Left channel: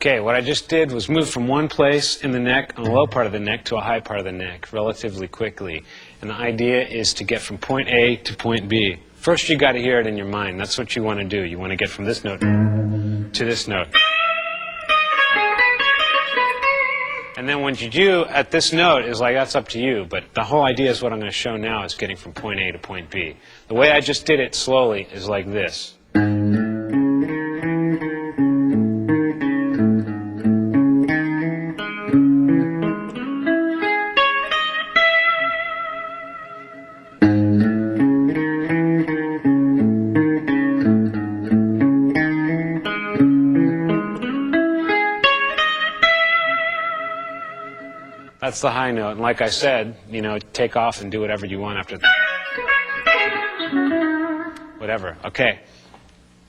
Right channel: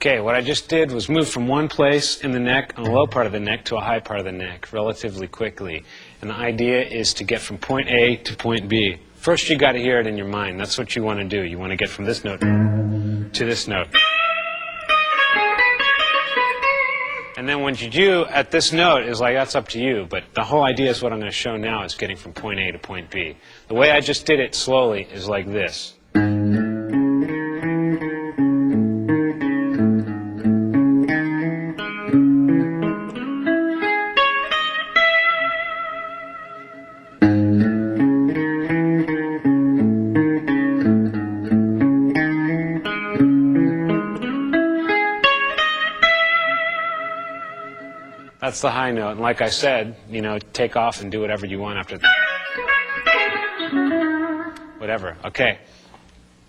Okay, what I just did was move from one place in the neck, on the low part of the neck, to a high part of the neck relatively quickly. And the idea is to get from point A to point B. First, you got to hear it in your mind. That's what you want to do. You want to get from this note to this note. And then what you do at this note is like, that's up to you. But the whole idea is what I'm going to show now is getting from point A to point B. The way I just did it slowly is like this. That's the high note, and like I said, you know, take off and do whatever you want after that. Whatever, okay.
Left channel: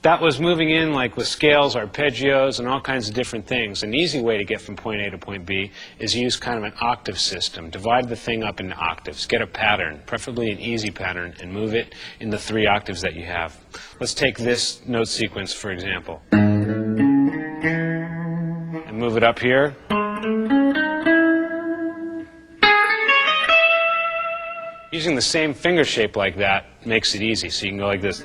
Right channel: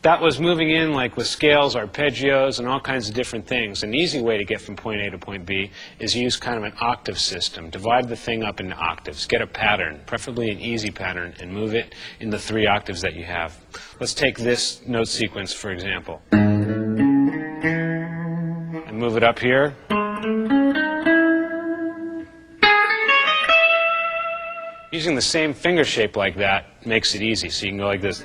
That was moving in like with scales, arpeggios, and all kinds of different things. An easy way to get from point A to point B is use kind of an octave system. Divide the thing up into octaves. Get a pattern, preferably an easy pattern, and move it in the 3 octaves that you have. Let's take this note sequence, for example. And move it up here. Using the same finger shape like that makes it easy. So you can go like this.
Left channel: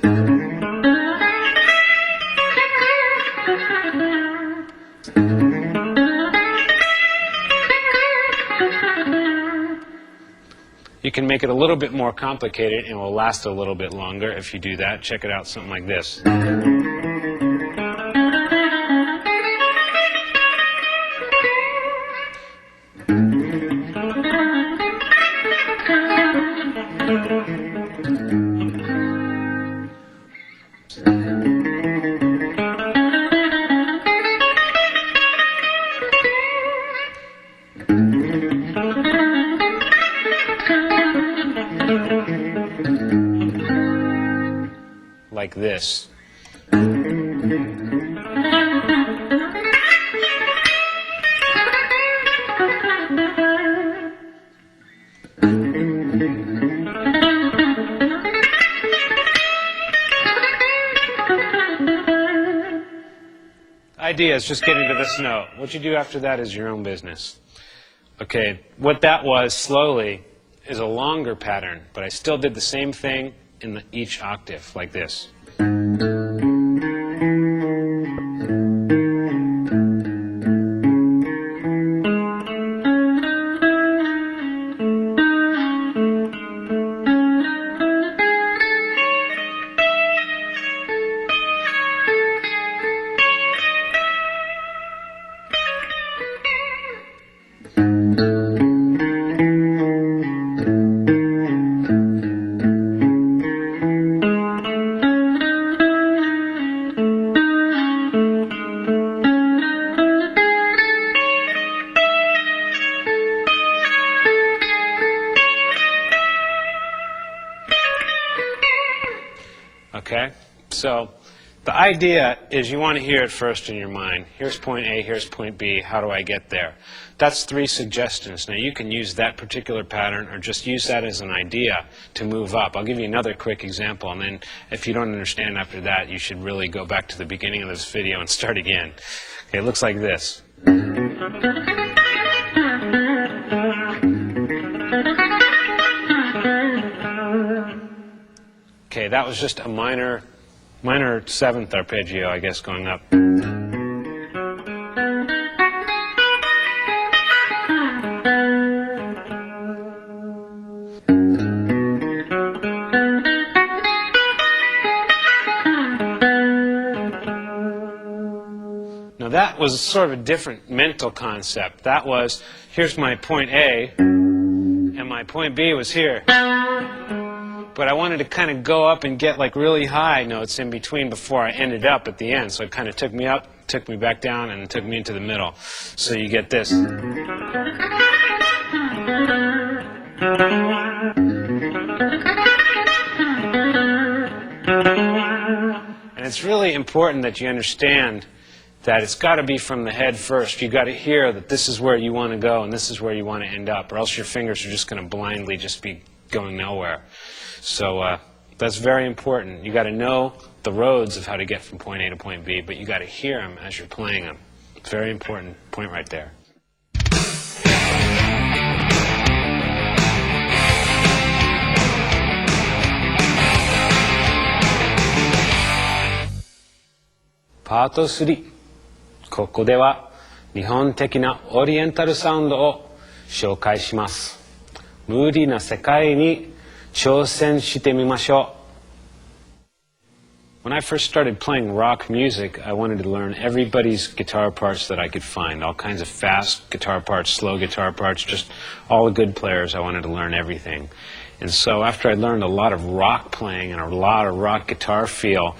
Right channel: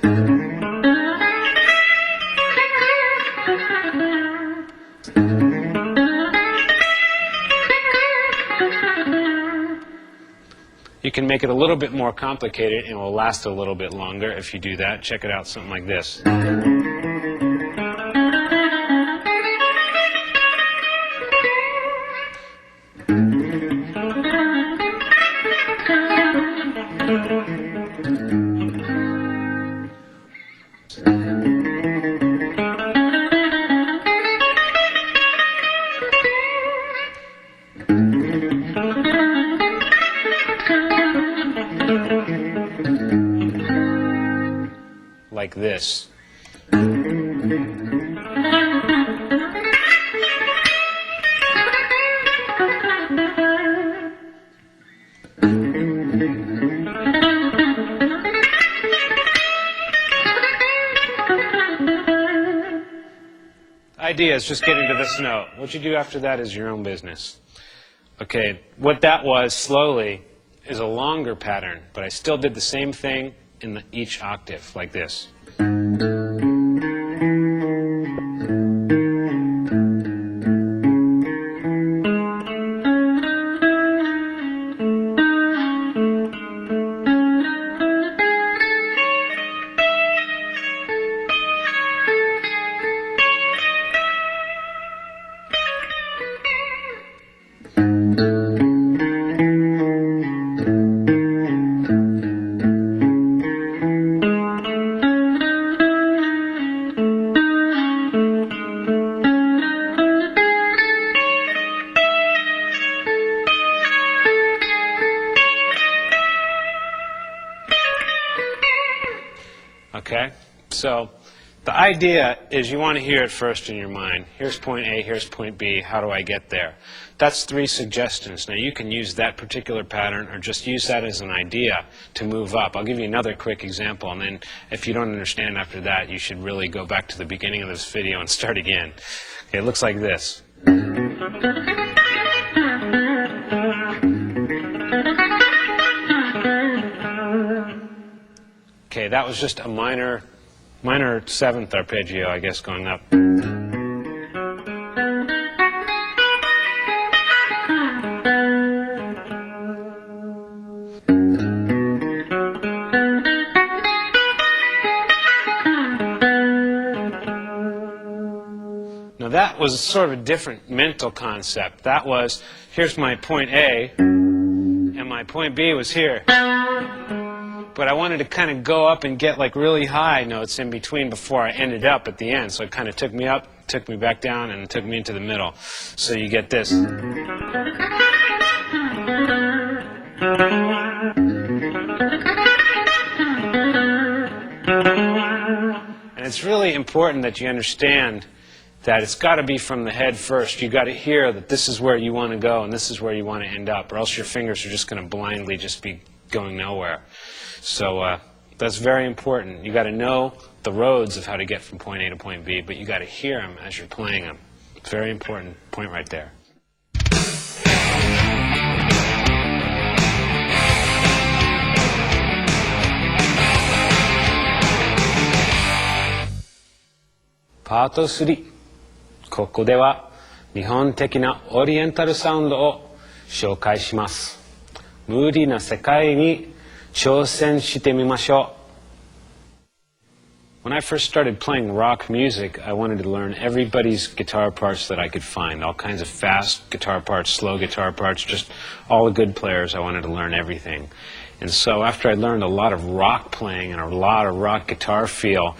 You can make it a little bit more complicated and it will last a little bit longer if you do that. Check it out, something like this. Like this. The idea is just getting to this note. What you do after that is your own business. Okay, what that was slowly is a longer pattern, but I still did the same thing in each octave, like this. Okay? So the idea is you want to hear it first in your mind. Here's point A, here's point B, how do I get there? That's 3 suggestions. Now you can use that particular pattern or just use that as an idea to move up. I'll give you another quick example, and then if you don't understand after that, you should really go back to the beginning of this video and start again. Okay, it looks like this. Okay, that was just a minor 7th arpeggio, I guess, going up. Now that was sort of a different mental concept. That was, here's my point A, and my point B was here. But I wanted to kind of go up and get like really high notes in between before I ended up at the end. So it kind of took me up, took me back down, and took me into the middle. So you get this. And it's really important that you understand that it's got to be from the head first. You've got to hear that this is where you want to go and this is where you want to end up, or else your fingers are just going to blindly just be going nowhere. So that's very important. You've got to know the roads of how to get from point A to point B, but you got to hear them as you're playing them. Very important point right there. Part 3. ここでは日本的なオリエンタルサウンドを紹介します。無理な世界に挑戦してみましょう。When I first started playing rock music, I wanted to learn everybody's guitar parts that I could find, all kinds of fast guitar parts, slow guitar parts, just all the good players. I wanted to learn everything. And so after I learned a lot of rock playing and a lot of rock guitar feel,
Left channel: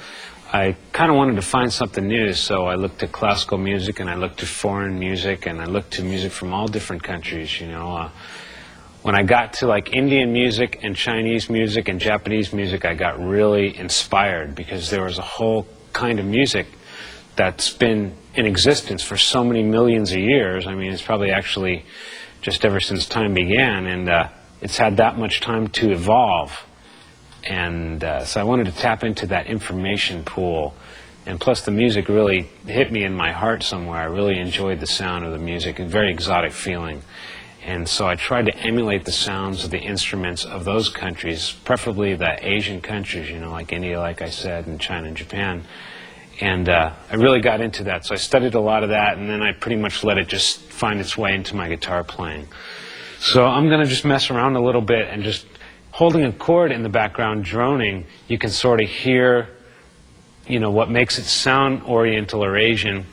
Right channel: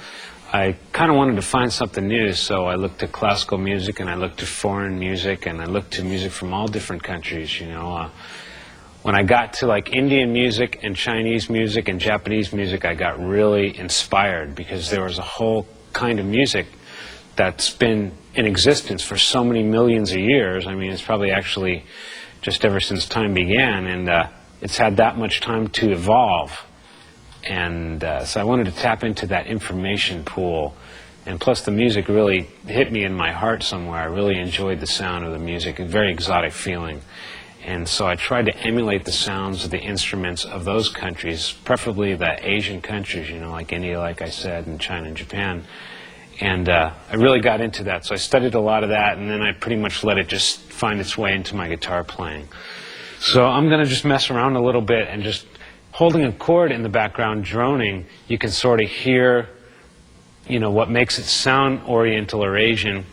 I kind of wanted to find something new, so I looked at classical music and I looked at foreign music and I looked to music from all different countries, you know. When I got to like Indian music and Chinese music and Japanese music, I got really inspired because there was a whole kind of music that's been in existence for so many millions of years. I mean, it's probably actually just ever since time began, and it's had that much time to evolve. And so I wanted to tap into that information pool. And plus the music really hit me in my heart somewhere. I really enjoyed the sound of the music, a very exotic feeling. And so I tried to emulate the sounds of the instruments of those countries, preferably the Asian countries, you know, like India, like I said, and China and Japan. And I really got into that. So I studied a lot of that, and then I pretty much let it just find its way into my guitar playing. So I'm going to just mess around a little bit, and just holding a chord in the background, droning, you can sort of hear, you know, what makes it sound Oriental or Asian.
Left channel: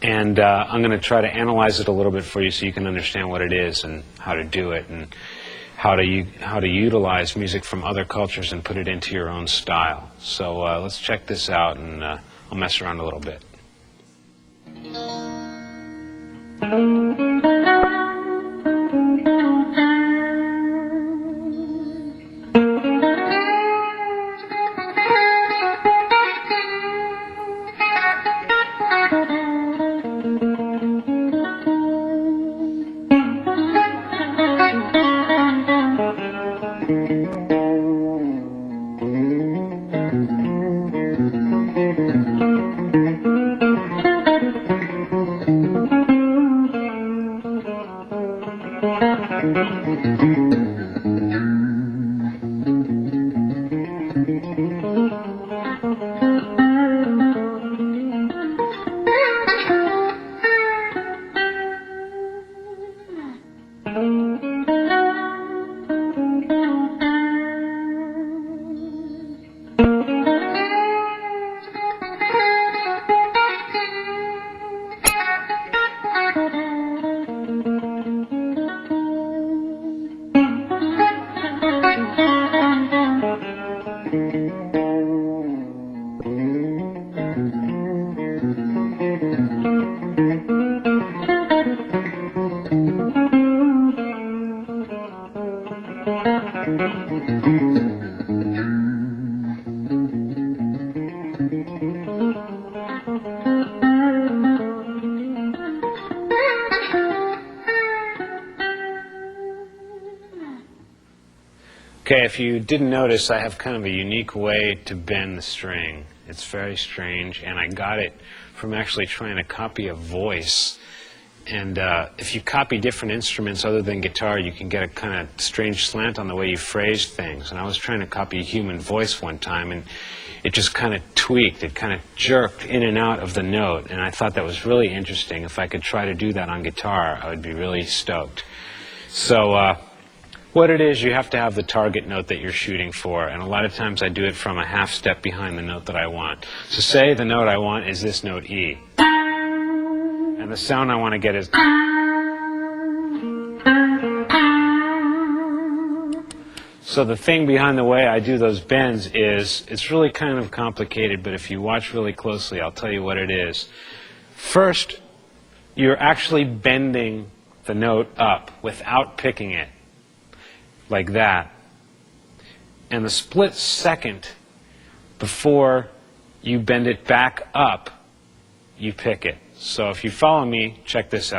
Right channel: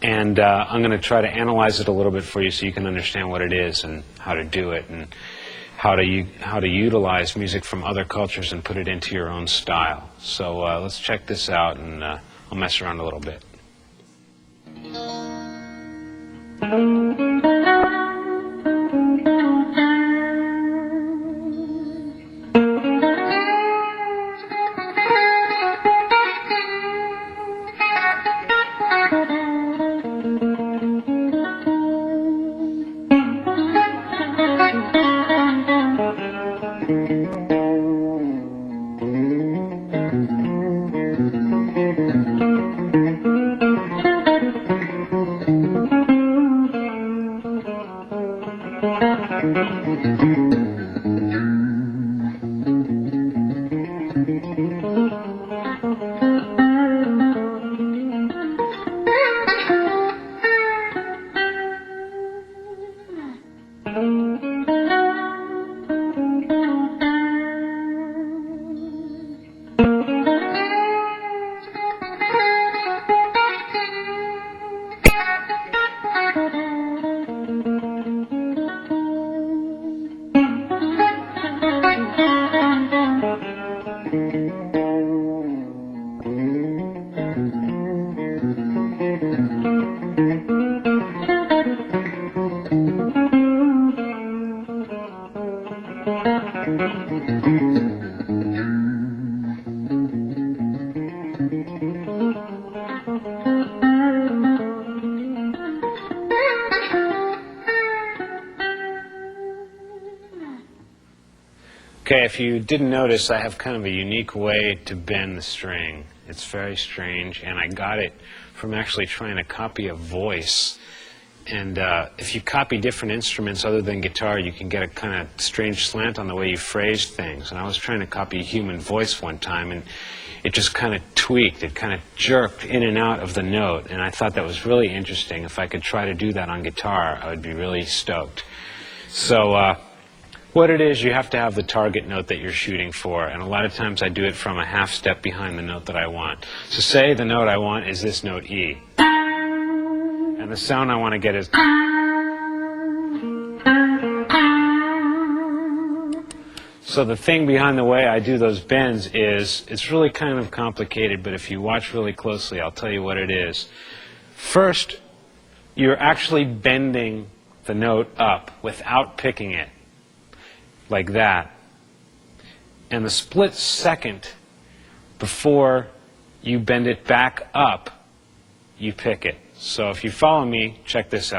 And I'm going to try to analyze it a little bit for you so you can understand what it is and how to do it and how to utilize music from other cultures and put it into your own style. So let's check this out, and I'll mess around a little bit. Okay, if you didn't notice, I have kind of a unique way to bend the string. It's very strange, and I got it from actually trying to copy a voice. And if you copy different instruments other than guitar, you can get a kind of strange slant on the way you phrase things. And I was trying to copy a human voice one time, and it just kind of tweaked. It kind of jerked in and out of the note, and I thought that was really interesting. If I could try to do that on guitar, I would be really stoked. So what it is, you have to have the target note that you're shooting for, and a lot of times I do it from a half step behind the note that I want. So say the note I want is this note E, and the sound I want to get is. So the thing behind the way I do those bends is, it's really kind of complicated, but if you watch really closely, I'll tell you what it is. First, you're actually bending the note up without picking it. Like that. And the split second before you bend it back up, you pick it. So if you follow me, check this out.